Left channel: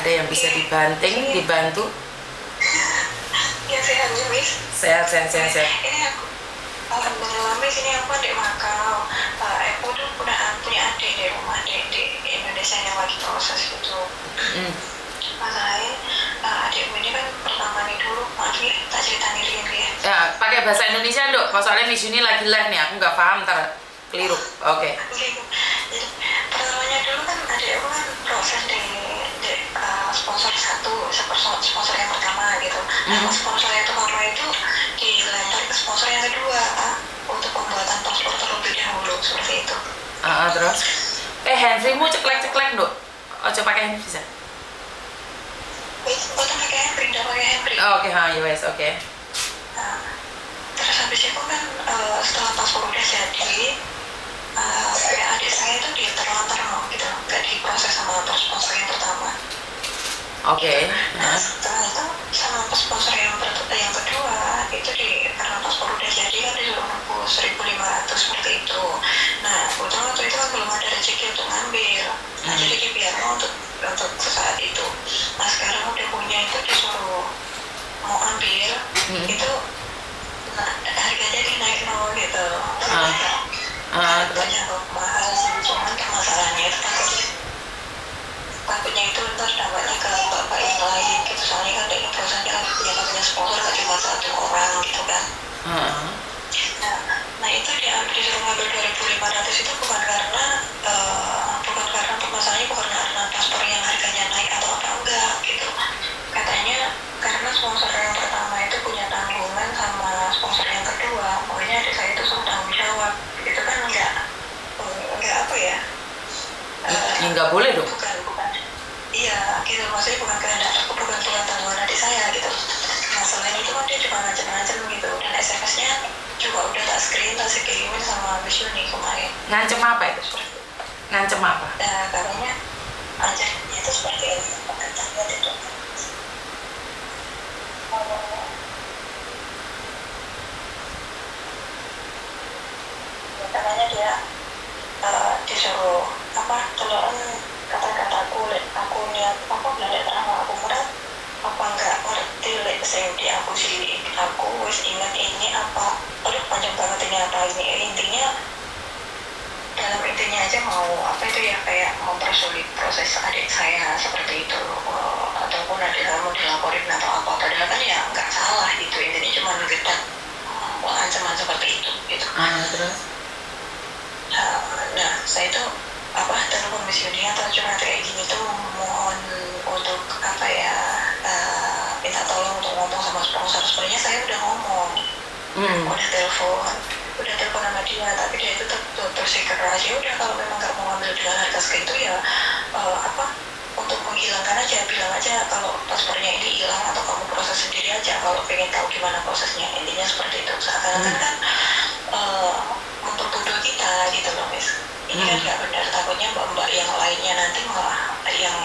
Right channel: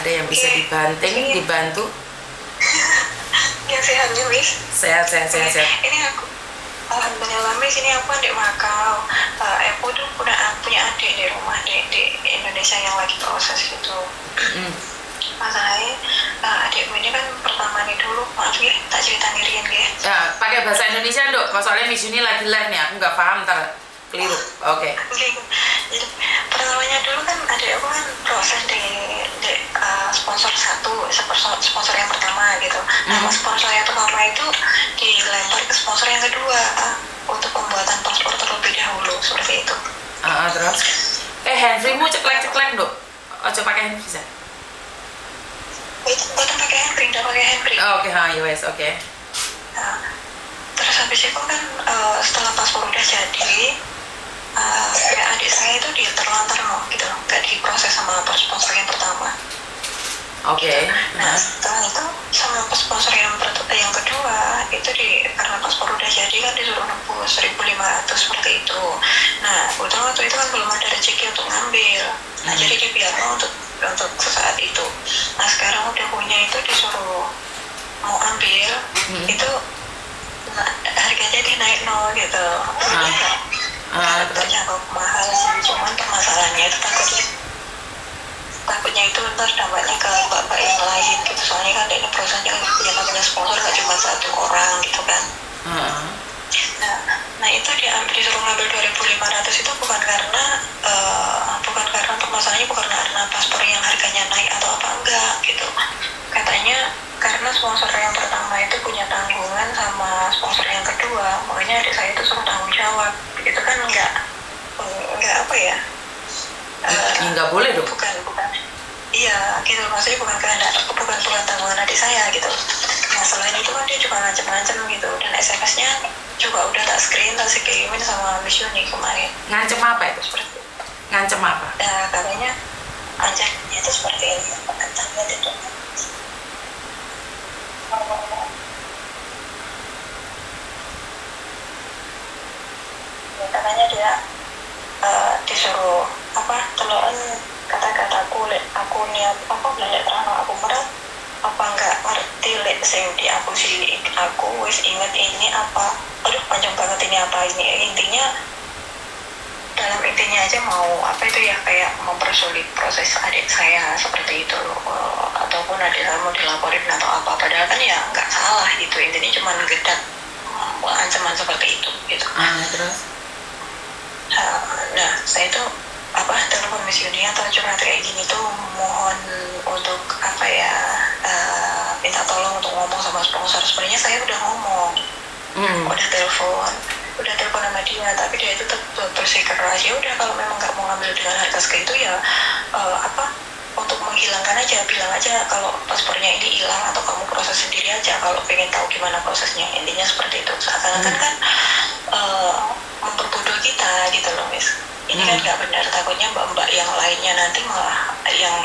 Ada yang bisa dibantu? Ya sehat nih, Miss. Sehat. Ini aku, alhamdulillah, Miss, ini aku di Makau. Aku tuh punya adik di rumah di Indonesia yang lagi proses gitu. Masalahnya adikku ini kan pertama nih dulu, maaf ya, tak cerita ngiriin dia. Ya, pakai bahasa Indonesia, Dok. Soalnya Miss Yuni lagi live nih, aku nggak paham, ntar keliru. Oke. Jadi, pertamanya dulu kan adikku kan proses di sponsor sponsor yang pertama gitu. Nah, sponsor yang pertama itu dilempar ke sponsor yang kedua untuk pembuatan paspor terlebih dahulu, seperti itu. Terus? Handfree-mu ceklek-ceklek, Dok. Coba pakai handfree bisa? Itu bukan pakai handbrake, udah pakai handbrake. Oke, yes, oke. Nah, terus habis itu kan setelah paspor udah jadi, kayak adik saya itu diterlantar gitu, nggak diproses sama sponsor yang pertama. Oke. Nah, setelah itu sama sponsor yang kedua itu karena paspor udah jadi kan disuruh nebus 1.500 seperti itu. Nah, kebetulan waktu itu kan belum ada rezeki untuk ngambil. Nah, jadi dibiarkan untuk sesaat itu. Nah, sekarang udah punya itu disuruh mau ambil itu, harganya dinaik nol gitu. Harganya mahal sih, cuman permasalahannya itu takutnya itu ntar dampaknya ke bapak yang lain gitu, soalnya kan dari perusahaan yang punya sponsor gak cuma satu orang gitu kan. Nah itu disuruh ngambil 2.500 itu bukan karena permasalahannya bukan karena paspor yang harganya naik atau apa, enggak gitu. Katanya karena sponsor yang pertama itu punya tanggungan sama sponsor yang kedua, makanya adik saya itu suruh tanggung jawab. Itu kan enggak apa ya, nggak boleh dong. Bukan. Iya, gitu. Maksudnya bukan tanggungan adik saya gitu. Nah, selain itu kan dia juga ngancem gitu. Dan SMS-nya juga udah tak kirimin sama Miss Yuni kemarin. Ngancem apa itu? Ngancem apa? Ya, katanya ancamannya itu seperti ini. Katanya dia disuruh teluan kata-kataku niat balik terang aku merat apa enggak ngerti sing di aku wis inget ini apa, aduh panjang banget ini apa ini, intinya dalam intinya aja mau apa itu ya, kayak mempersulit proses adik saya seperti itu, ataupun adik saya mau dilaporin atau apa, padahal kan ya nggak salah gitu, intinya cuma gedak ancaman seperti itu gitu. Terus? Nah, saya itu telepon Miss Yuni atau curhat kayak gini tuh mohon untuk minta tolong untuk ngomong sama sponsor. Sebenarnya saya udah ngomong, udah telepon sama dia, tapi dia itu tetap bersikeras. Ya udah, kalau memang nggak mau ngambil dengan harga segitu ya untuk menghilangkan aja, bilang aja kalau paspornya ini hilang atau kamu proses sendiri aja kalau pengen tahu gimana prosesnya, intinya seperti itu. Seakan-akan kan memperbodoh kita gitu loh, Miss. Ini kan nggak benar, takutnya mbak-mbak yang lainnya nanti malah yang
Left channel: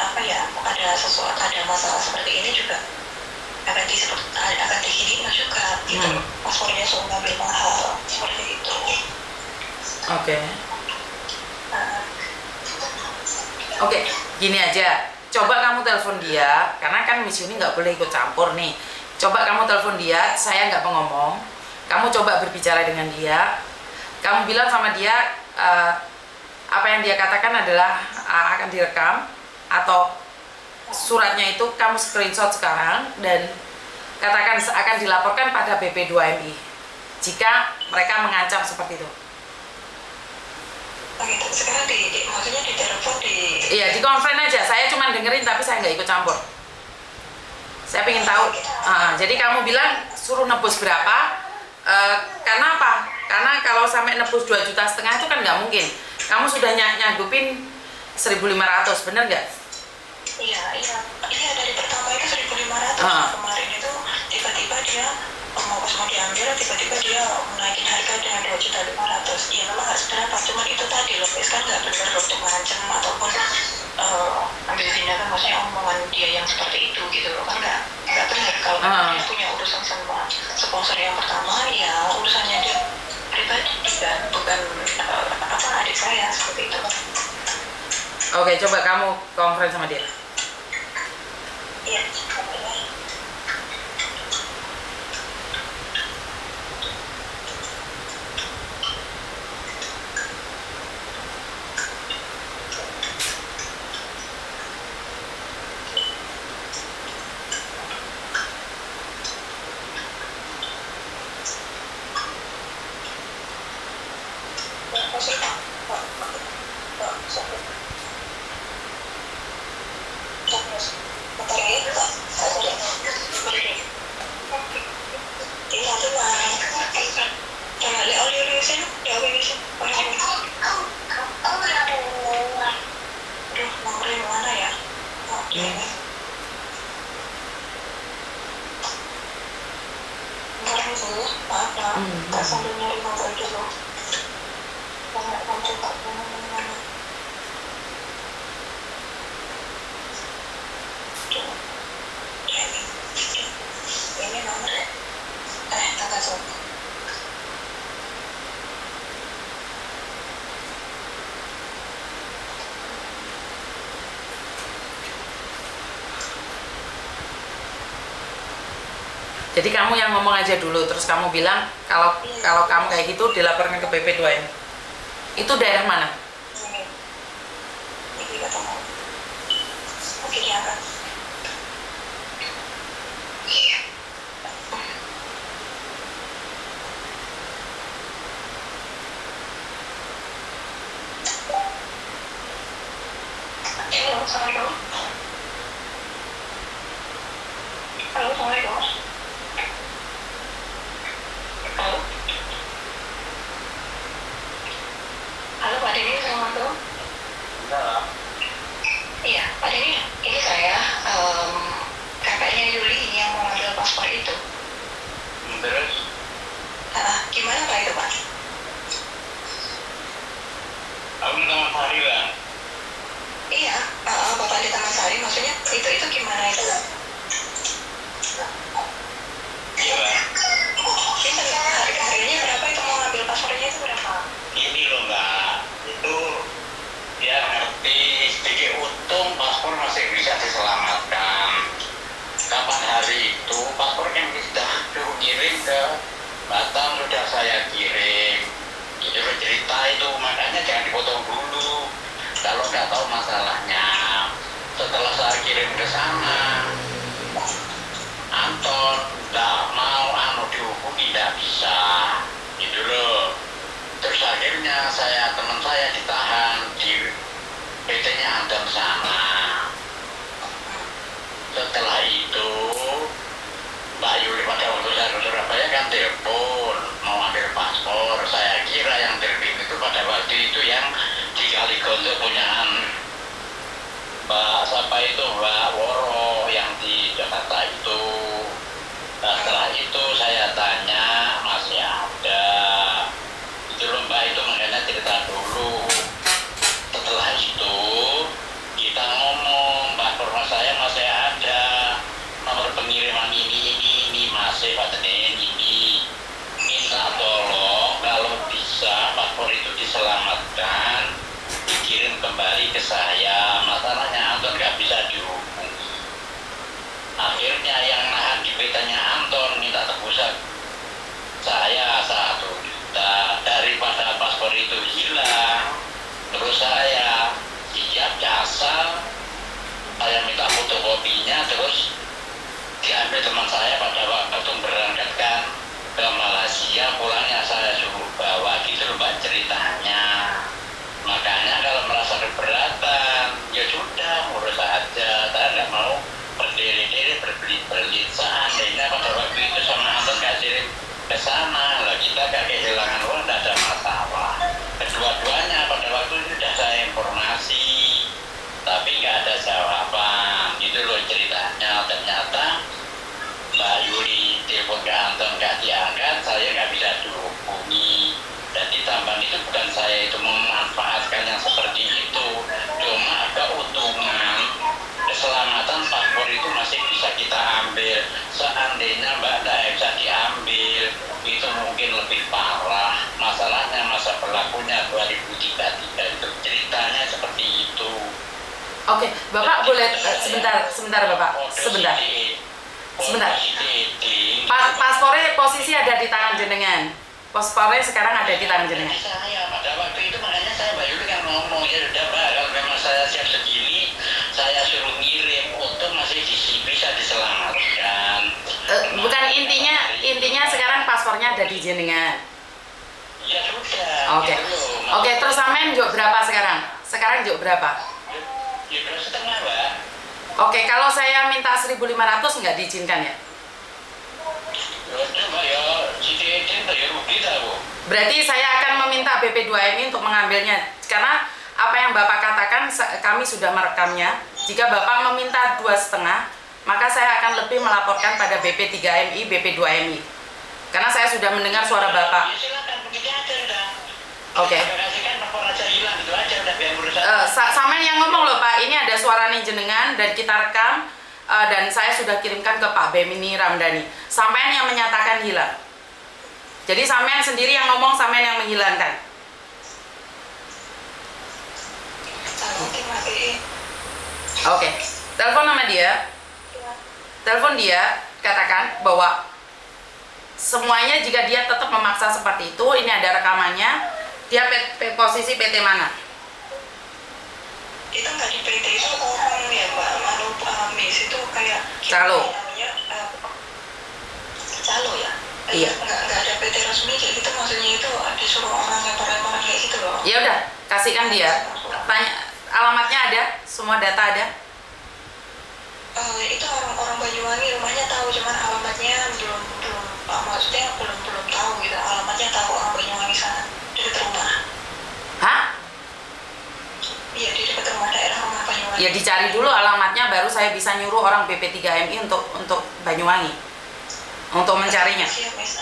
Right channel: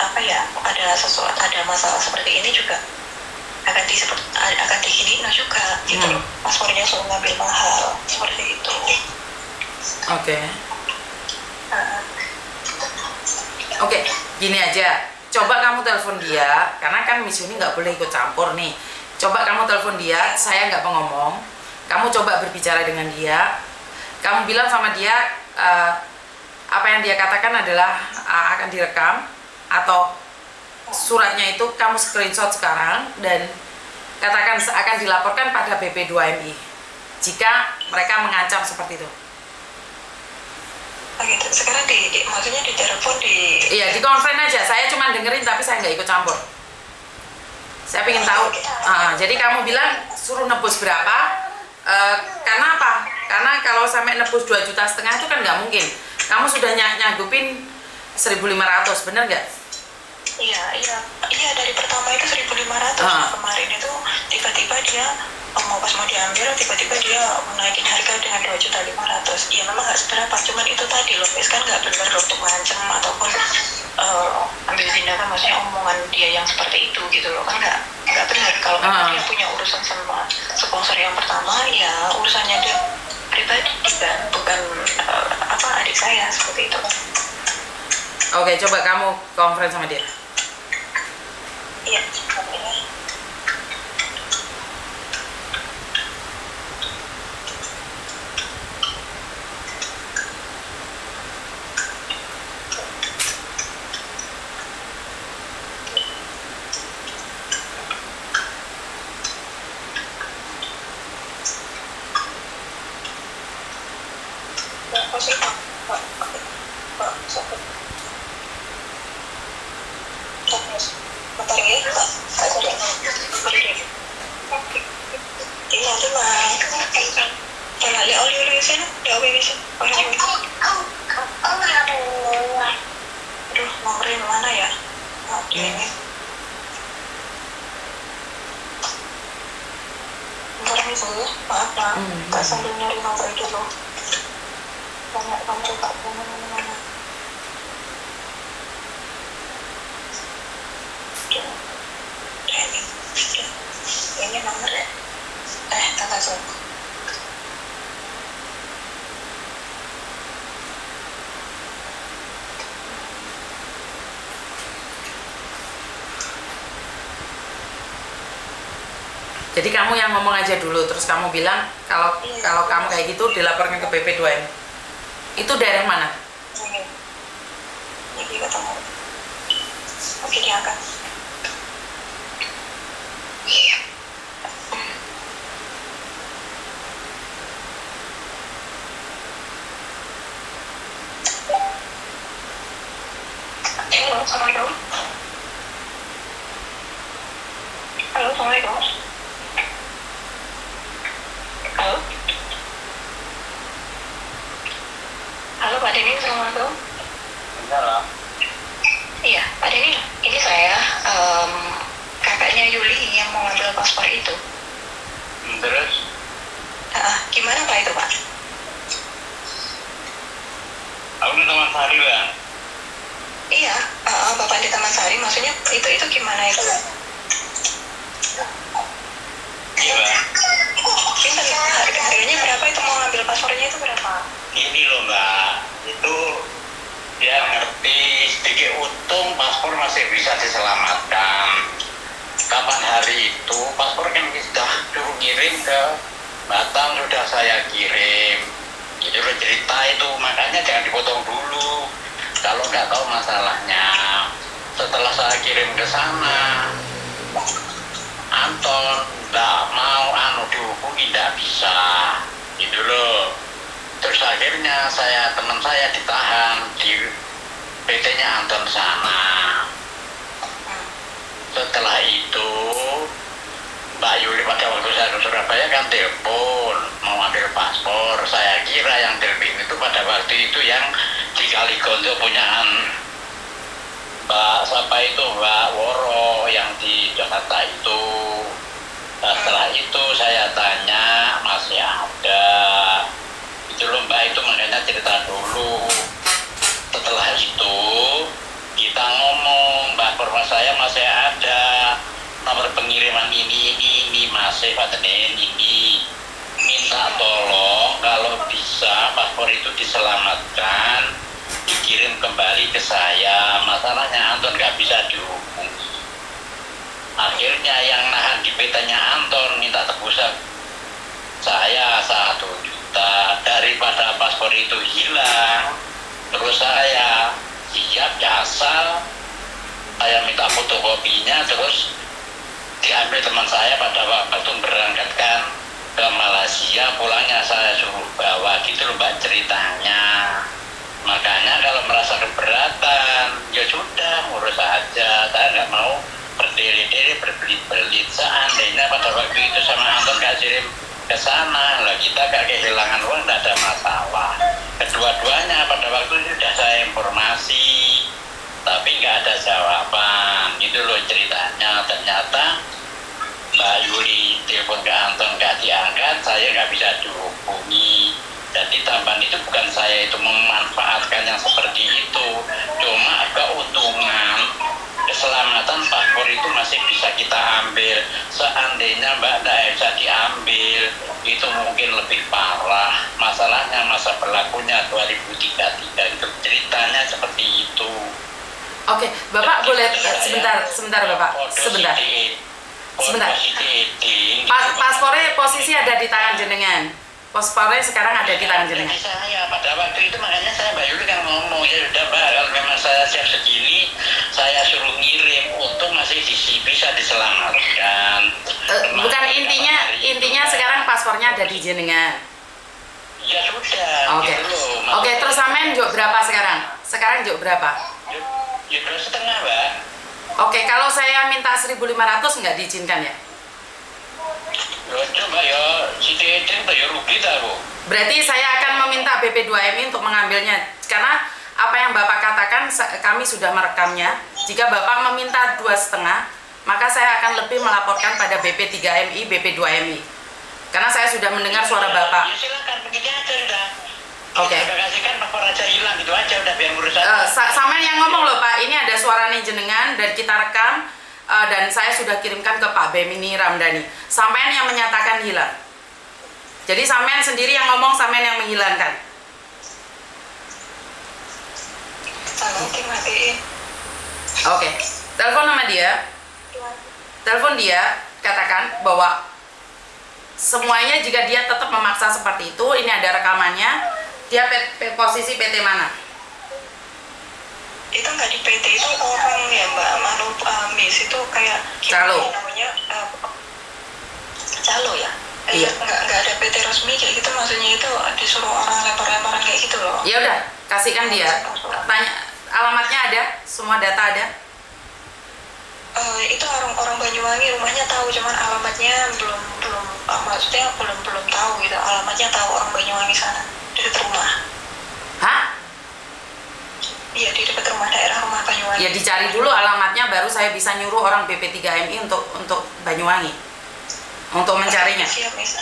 ada masalah seperti ini juga akan dihina juga gitu. Paspornya suruh ngambil mahal seperti itu. Oke, gini aja, coba kamu telepon dia, karena kan Miss Yuni nggak boleh ikut campur nih. Coba kamu telepon dia, saya nggak pengomong. Kamu coba berbicara dengan dia, kamu bilang sama dia apa yang dia katakan adalah akan direkam, atau suratnya itu kamu screenshot sekarang dan katakan akan dilaporkan pada BP2MI jika mereka mengancam seperti itu. Gitu. Sekarang maksudnya di telepon Iya, di conference aja, saya cuma dengerin tapi saya nggak ikut campur. Saya pengen tahu, jadi kamu bilang suruh nebus berapa, karena apa? Karena kalau sampai nebus 2,5 juta itu kan nggak mungkin. Kamu sudah nyanggupin 1.500, bener nggak? Iya, dari pertama itu 1.500. Kemarin itu tiba-tiba dia pas mau diambil, tiba-tiba dia menaikin harga dengan 2.500.000. Ya memang nggak seberapa, cuman itu tadi loh, kan nggak benar untuk mengancam ataupun ambil tindakan, maksudnya omongan dia yang seperti itu gitu loh, kan nggak benar. Kalau dia punya urusan sama sponsor yang pertama, ya urusannya dia pribadi dan bukan adik saya seperti itu. Oke, coba kamu conference sama dia. Iya, katanya. Apa sih, Pak? Pak, sakit. Terus, bentar ya, Pak. Ini nanti mah. Kalau lihat oli sana, udah bisa. Aduh, nomornya mana ya? Oke. Bentar nih, Bu. Maaf, Pak. Pak sambil nyari nomor dulu. Banyak nomor Pak mana. Ini nomor ya? Tata Zoom. Jadi kamu yang ngomong aja dulu, terus kamu bilang kalau kamu kayak gitu dilaporkan ke BP2M. Itu daerah mana? Ini ketemu. Oke, diangkat. Halo, Assalamualaikum. Halo, Assalamualaikum. Halo. Halo, Pak Denny, Assalamualaikum. Iya, Pak Denny, ini saya kakaknya Yuli yang mau ambil paspor itu. Terus? Gimana Pak itu, Pak? Aku di Taman Sari, Bang. Iya, Bapak di Taman Sari, maksudnya itu gimana itu? Iya, Bang. Ini harganya berapa itu, mau ngambil paspornya itu berapa? Ini loh, Mbak. Itu dia ngerti sedikit untung paspor masih bisa diselamatkan. Kapan hari itu paspor kan sudah kirim ke Batam, sudah saya kirim. Itu loh cerita itu, makanya jangan dipotong dulu. Kalau nggak tahu masalahnya, setelah saya kirim ke sana, Anton nggak mau dihubungi, nggak bisa, gitu loh. Terus akhirnya teman saya ditahan di PT-nya Anton sana. Setelah itu Mbak Yuli pada waktu saya ke Surabaya kan telepon mau ambil paspor. Saya kira yang telepon itu pada waktu itu yang di Kaligonjo punyaan Mbak siapa itu, Mbak Woro yang di Jakarta itu. Nah, setelah itu saya tanya masih ada. Itu loh Mbak, itu makanya cerita dulu. Setelah itu kita ngomong, Mbak paspor saya masih ada, nomor pengiriman ini masih katanya ini. Minta tolong kalau bisa paspor itu diselamatkan, dikirim kembali ke saya. Masalahnya Anton nggak bisa dihubungi. Akhirnya yang nahan di petanya Anton minta tebusan saya 1 juta daripada paspor itu hilang. Terus saya siap jasa, saya minta fotokopinya, terus diambil teman saya pada waktu berangkatkan ke Malaysia. Pulangnya saya suruh bawa, gitu loh Mbak ceritanya. Makanya kalau merasa keberatan, ya sudah urus aja. Saya nggak mau berdiri-diri berbelit-belit. Seandainya pada waktu itu sama Anton nggak kirim ke sana, lah kita nggak kehilangan uang, nggak ada masalah. Kedua-duanya pada waktu itu sudah saya informasi, tapi nggak ada jawaban. Gitu loh ceritanya. Ternyata Mbak Yuli telepon ke Anton nggak diangkat, saya nggak bisa dihubungi. Jadi tambahan itu bukan saya itu memanfaatkan yang seperti itu, cuma keuntungan keselamatan paspor itu masih bisa kita ambil. Seandainya Mbak tidak bisa diambil, itu mungkin lebih parah. Masalahnya masa berlakunya 2033, itu ceritanya seperti itu. Oke, Bapak boleh sebentar Bapak, sebentar. Paspornya posisi ada di tangan jenengan. Paspornya sekarang ada di tangan jenengan. Saya pada waktu itu makanya saya Mbak Yuli kan ngomong ya udah Mbak, karena saya siap segini, saya suruh ngirim, untung masih bisa diselamatkan. Bukan intinya sekarang paspornya ada di jenengan. Ya sudah. Oke, terus sampean juk berapa sekarang? Sekarang juk berapa? Ya 2,5 Mbak. Oke, kalau saya minta 1.500 nggak diizinkan ya? Coba ya, si Dedeng ya rugi tak Bu? Berarti saya akan meminta BP2MI untuk mengambilnya. Karena apa yang Bapak katakan, kami sudah merekamnya. Jika Bapak meminta 2,5, maka saya akan lebih melaporkan pada BP3MI, BP2MI. Karena saya sudah mendengar suara Bapak. Ya silakan, begini aja udah. Oke. Kita kasihkan nomor aja hilang, gitu aja udah biar urusan. Sampean yang ngomong loh Pak, ini ada suaranya jenengan dan kita rekam. Dan saya sudah kirimkan ke Pak Bemini Ramdhani. Sampean yang menyatakan hilang. Jadi sampean sendiri yang ngomong, sampean yang menghilangkan. Oke. Telepon sama dia. Telepon dia, katakan bahwa semuanya jika dia tetap memaksa seperti itu, ini ada rekamannya. Dia posisi PT mana? Itu nggak di PT, itu orang ya Mbak, makhluk Miss itu kayak Calo. namanya Calo ya? Iya. Nggak ada PT resmi kayak gitu, maksudnya itu disuruh orang lempar-lemparan kayak gitu loh. Ya udah, kasihkan dia. Tanya alamatnya ada, semua data ada. Itu orang Banyuwangi, rumahnya tahu, cuman alamatnya belum maksudnya belum tahu gitu. Alamatnya tahu, orang Banyuwangi sana, di dekat rumah. Hah? Iya, di dekat rumah, daerah rumah Banyuwangi. Ya dicari dulu alamatnya, baru saya bisa nyuruh orang BP3MI untuk Banyuwangi untuk mencarinya. Siap, Miss.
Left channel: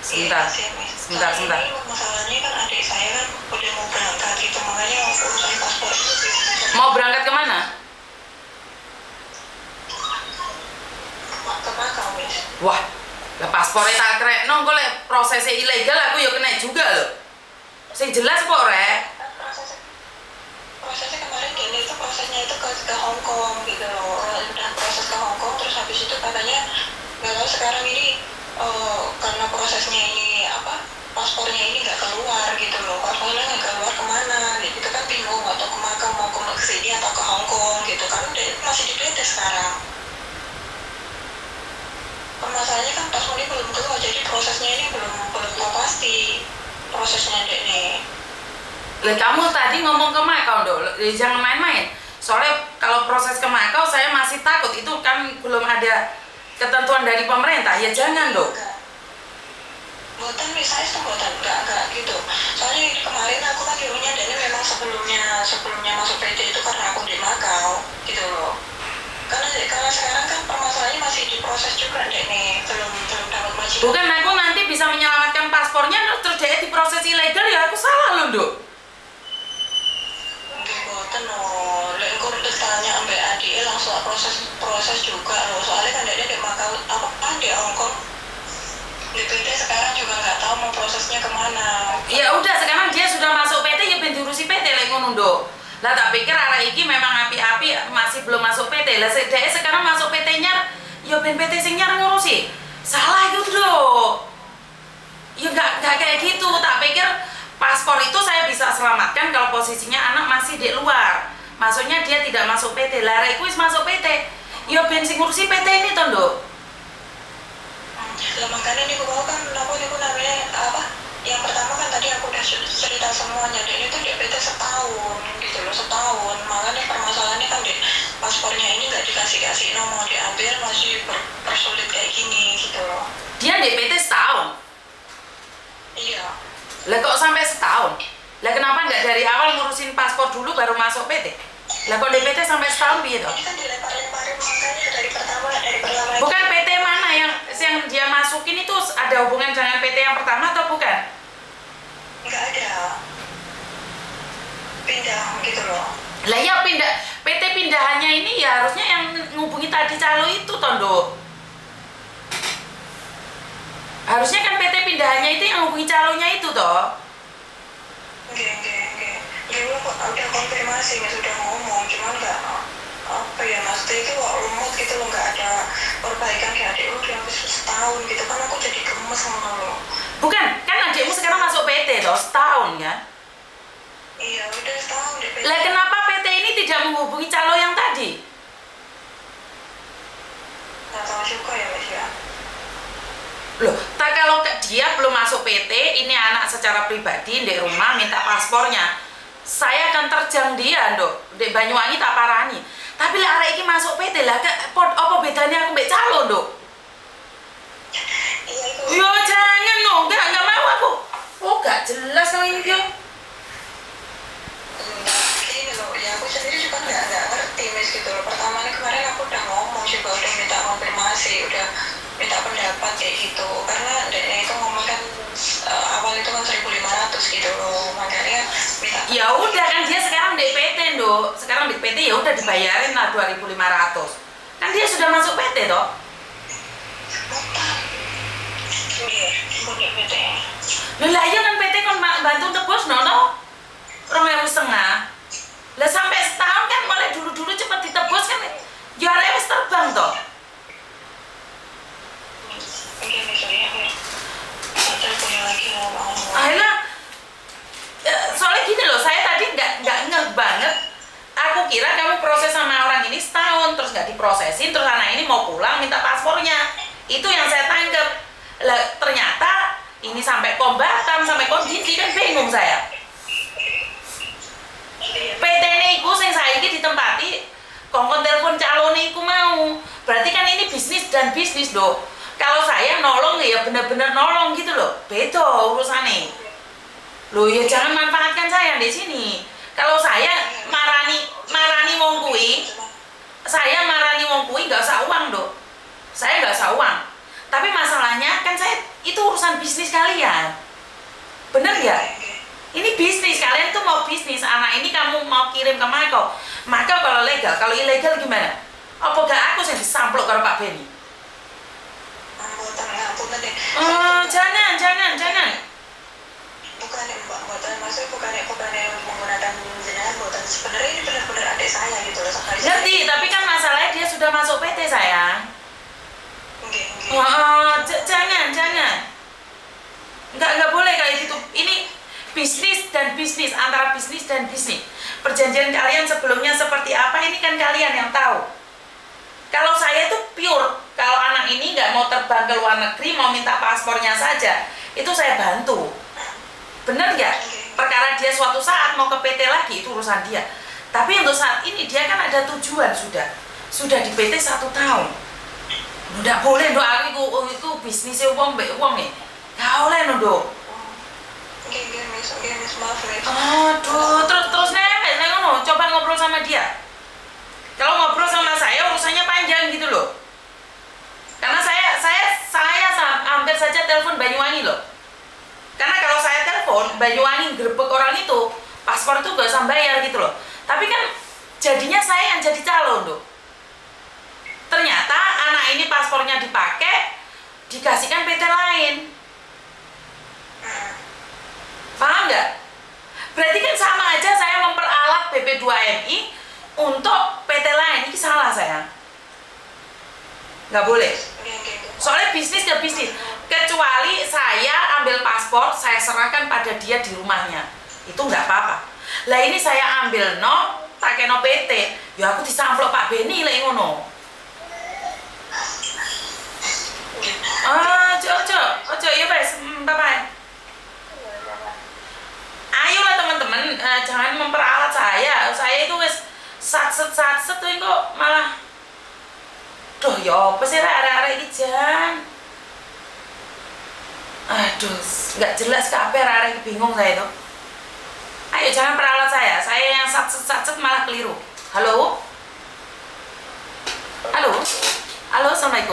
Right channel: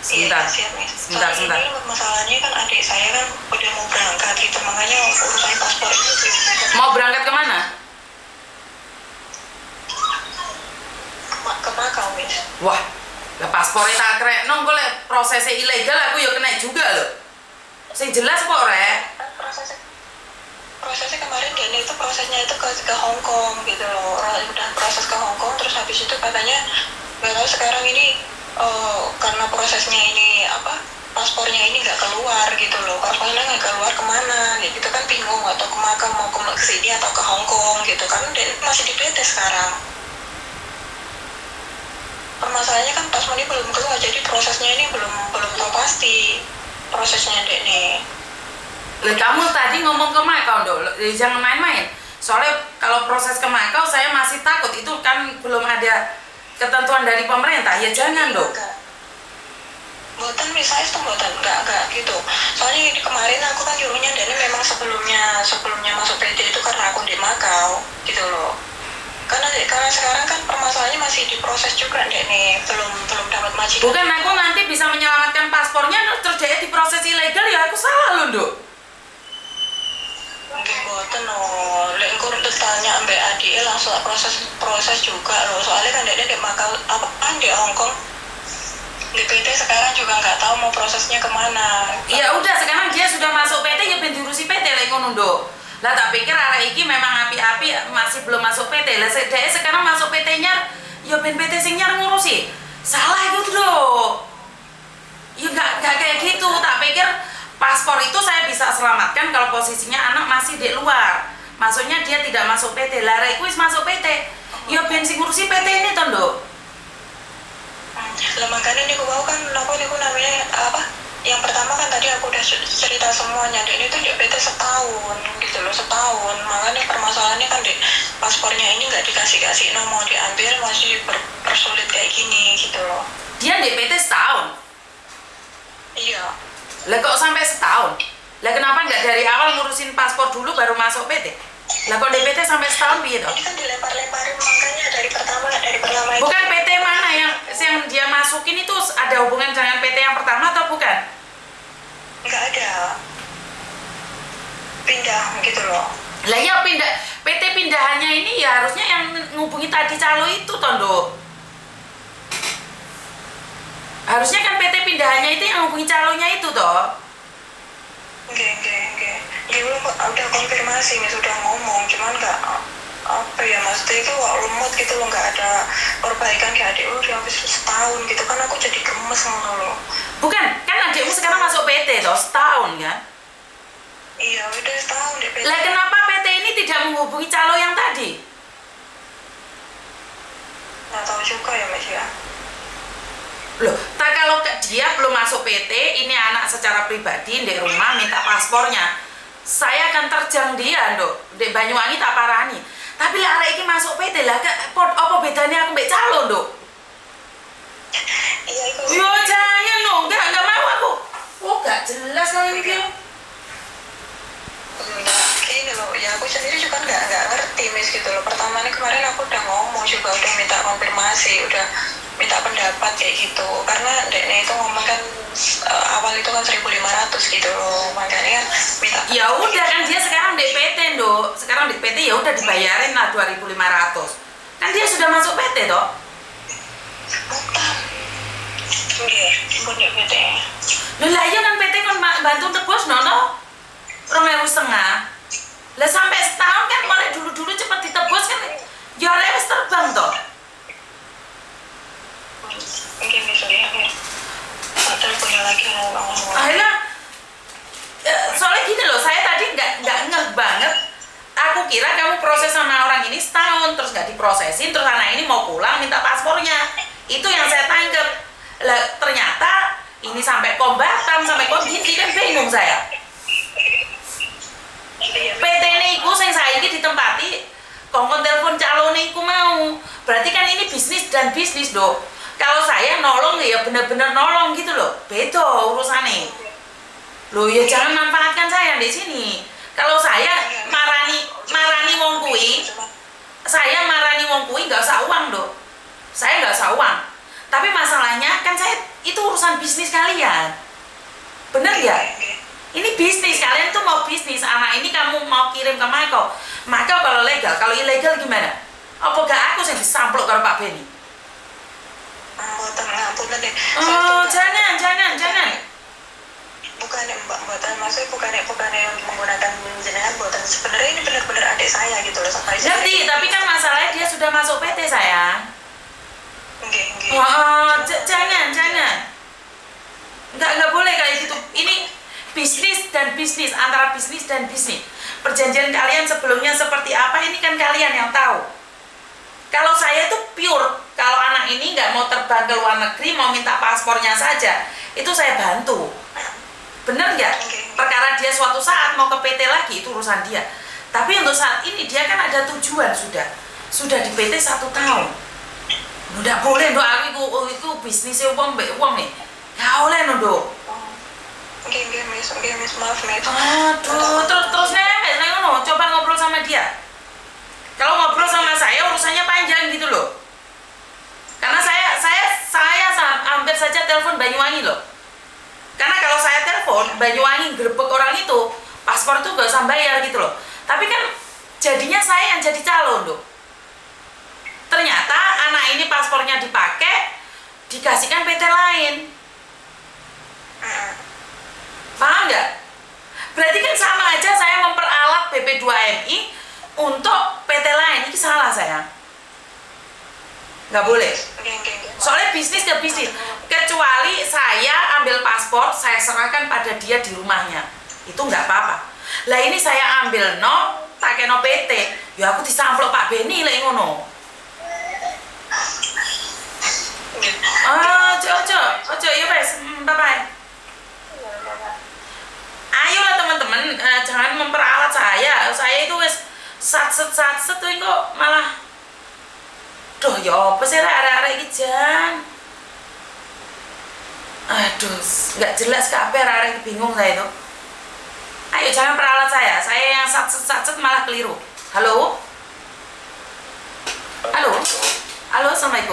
Sebentar. Iya, siap, Miss. Sebentar. Ini masalahnya kan adik saya kan udah mau berangkat gitu, makanya urusan paspor itu Mau berangkat kemana? ke Makau, Miss. Wah, lah paspornya tak keren. Nong golek prosesnya ilegal, aku ya kena juga loh. Sing jelas kok rek. Kan prosesnya kemarin dia itu prosesnya itu ke Hong Kong gitu loh. Udah proses ke Hong Kong, terus habis itu katanya nggak tahu sekarang ini karena prosesnya ini paspornya ini nggak keluar gitu loh. Paspornya nggak keluar kemana gitu kan, bingung atau ke Makau mau ke sini atau ke Hong Kong gitu kan. Dia masih di PT sekarang. Permasalahannya kan paspornya belum keluar, jadi prosesnya ini belum tahu pasti prosesnya dek nih. Lah kamu tadi ngomong ke Makau dong, jangan main-main. Soalnya kalau proses ke Makau saya masih takut, itu kan belum ada ketentuan dari pemerintah. Ya jangan dong. Buatan misalnya itu buatan enggak gitu. Soalnya kemarin aku kan nyuruhnya dari memang sebelumnya masuk PT itu karena aku di Makau gitu loh. Karena sekarang kan permasalahannya masih diproses juga dek nih, belum dapat majikan. Bukan, aku nanti bisa menyelamatkan paspornya terus dia diproses ilegal, ya aku salah loh Nduk. Mungkin buatan loh, lek engko bertanya ambek adik langsung proses juga loh. Soalnya kan dia kayak Makau di Hong Kong. Di PT sekarang juga nggak tahu mau prosesnya kemana. Ya udah, sekarang dia sudah masuk PT, ya ben diurusi PT lek ngono Nduk. Lah tak pikir arek iki memang api-api masih belum masuk PT. Lah dhek sekarang masuk PT-nya ya ben PT sing nyar ngurusi. Salah itu Nduk. Ya enggak kayak gitu. Tak pikir paspor itu saya bisa selamatkan kalau posisinya anak masih di luar. Maksudnya dia tidak masuk PT. Lah arek iku wis masuk PT. Ya ben sing ngurusi PT ini to Nduk. Lah makanya ini aku kan namanya yang pertama kan tadi aku udah cerita semuanya, dan itu di PT setahun gitu loh, setahun. Makanya permasalahannya kan di paspornya ini nggak dikasih nomor, diambil masih persulit kayak gini gitu loh. Dia di PT setahun? Iya. Lah kok sampai setahun? Lah kenapa nggak dari awal ngurusin paspor dulu baru masuk PT? Lah kok di PT sampai setahun piye toh? Ini kan dilempar-lemparin, makanya dari pertama Bukan PT mana yang dia masukin itu ada hubungan dengan PT yang pertama atau bukan? nggak ada, pindah gitu loh. Lah ya PT pindahannya ini ya harusnya yang ngubungi tadi calo itu Tondo. Harusnya kan PT pindahannya itu yang ngubungi calonya itu toh. Enggak. dia udah konfirmasi, Mas, udah ngomong, cuman nggak apa ya, maksudnya itu kok lemot gitu loh, nggak ada perbaikan kayak adik lu udah habis setahun gitu kan, aku jadi gemes ngono loh. Bukan, kan adikmu sekarang masuk PT toh, setahun kan? Iya udah setahun deh. Lah kenapa PT ini tidak menghubungi calo yang tadi? Nggak tahu juga ya, Mas ya. Loh, tak kalau dia belum masuk PT, ini anak secara pribadi di rumah minta paspornya. Saya akan terjang dia, Nduk. Di Banyuwangi tak parani. Tapi lah arek iki masuk PT lah, apa bedanya aku mbek calo, Nduk? Iya itu. Yo jangan no, enggak mau aku. Oh, gak jelas no ini dia. Ini loh, ya aku sendiri juga nggak ngerti, Miss, gitu loh. Pertama nih kemarin aku udah ngomong juga, udah minta konfirmasi, udah minta pendapat kayak gitu. Karena dia itu ngomong kan awal itu kan 1.500 gitu loh, makanya minta. Ya udah kan dia sekarang di PT, Nduk. Sekarang di PT ya udah dibayarin lah 2.500. Kan dia sudah masuk PT toh. Iya, bener gitu ya. Loh lah iya kan PT kan bantu tebus no. 2.500. Lah sampai setahun kan mulai dulu-dulu cepet ditebus kan. Ya arek wis terbang toh. Oke, misalnya aku teleponnya lagi ngomong. Akhirnya soalnya gini loh, saya tadi nggak ngeh banget. Aku kira kamu proses sama orang ini setahun terus nggak diprosesin, terus anak ini mau pulang minta paspornya. Itu yang saya tangkep. Lah ternyata ini sampai Batam, sampai Dinti kan bingung saya. PT ini iku sing saiki ditempati kongkon telepon calone iku mau. Berarti kan ini bisnis dan bisnis, Dok. Kalau saya nolong ya bener-bener nolong gitu loh. Beda urusannya. Loh ya jangan manfaatkan saya di sini. Kalau saya marani wong kuwi, nggak usah uang, Dok. Saya nggak usah uang. Tapi masalahnya kan saya itu urusan bisnis kalian. Bener nggak? Ini bisnis, kalian tuh mau bisnis. Anak ini kamu mau kirim ke Mako. Maka kalau legal, kalau ilegal gimana? Apa gak aku yang disamplok karo Pak Beni? Oh, jangan. Bukannya Mbak, maksudnya bukannya menggunakan jenengan buatan, sebenarnya ini benar-benar adik saya gitu loh. Ngerti, tapi kan masalahnya dia sudah masuk PT sayang. Oke. Oh, jangan. Nggak boleh kayak gitu. Ini bisnis dan bisnis, antara bisnis dan bisnis. Perjanjian kalian sebelumnya seperti apa, ini kan kalian yang tahu. Kalau saya itu pure, kalau anak ini nggak mau terbang ke luar negeri, mau minta paspornya saja, itu saya bantu. Bener nggak? Perkara dia suatu saat mau ke PT lagi, itu urusan dia. Tapi untuk saat ini dia kan ada tujuan sudah di PT 1 tahun. Nggak boleh, Dok, aku itu bisnisnya uang nih. Nggak boleh, Dok. Oke, Miss, maaf, Miss. Aduh, terus nemes, coba ngobrol sama dia. Kalau ngobrol sama saya urusannya panjang gitu loh. Karena saya hampir saja telepon Banyuwangi loh. Karena kalau saya telepon Banyuwangi grebek orang itu, paspor tuh gak usah bayar gitu loh. Tapi kan jadinya saya yang jadi calon loh. Ternyata anak ini paspornya dipakai, dikasihkan PT lain. Paham nggak? Berarti kan sama aja saya memperalat BP2MI untuk PT lain. Ini salah saya. Nggak boleh. Soalnya bisnis ke bisnis. Kecuali saya ambil paspor, saya serahkan pada dia di rumahnya. Itu nggak apa-apa. Lah ini saya ambil pakai PT. Ya aku disamplok Pak Beni lah ngono. Ojo, ya guys, bye-bye. Ayolah teman-teman, jangan memperalat saya. Saya itu wes satset tuh kok malah. Duh, ya apa sih arek-arek iki jan? Aduh, nggak jelas kabeh arek iki, bingung saya itu. Ayo jangan peralat saya. Saya yang satset malah keliru. Halo, assalamualaikum.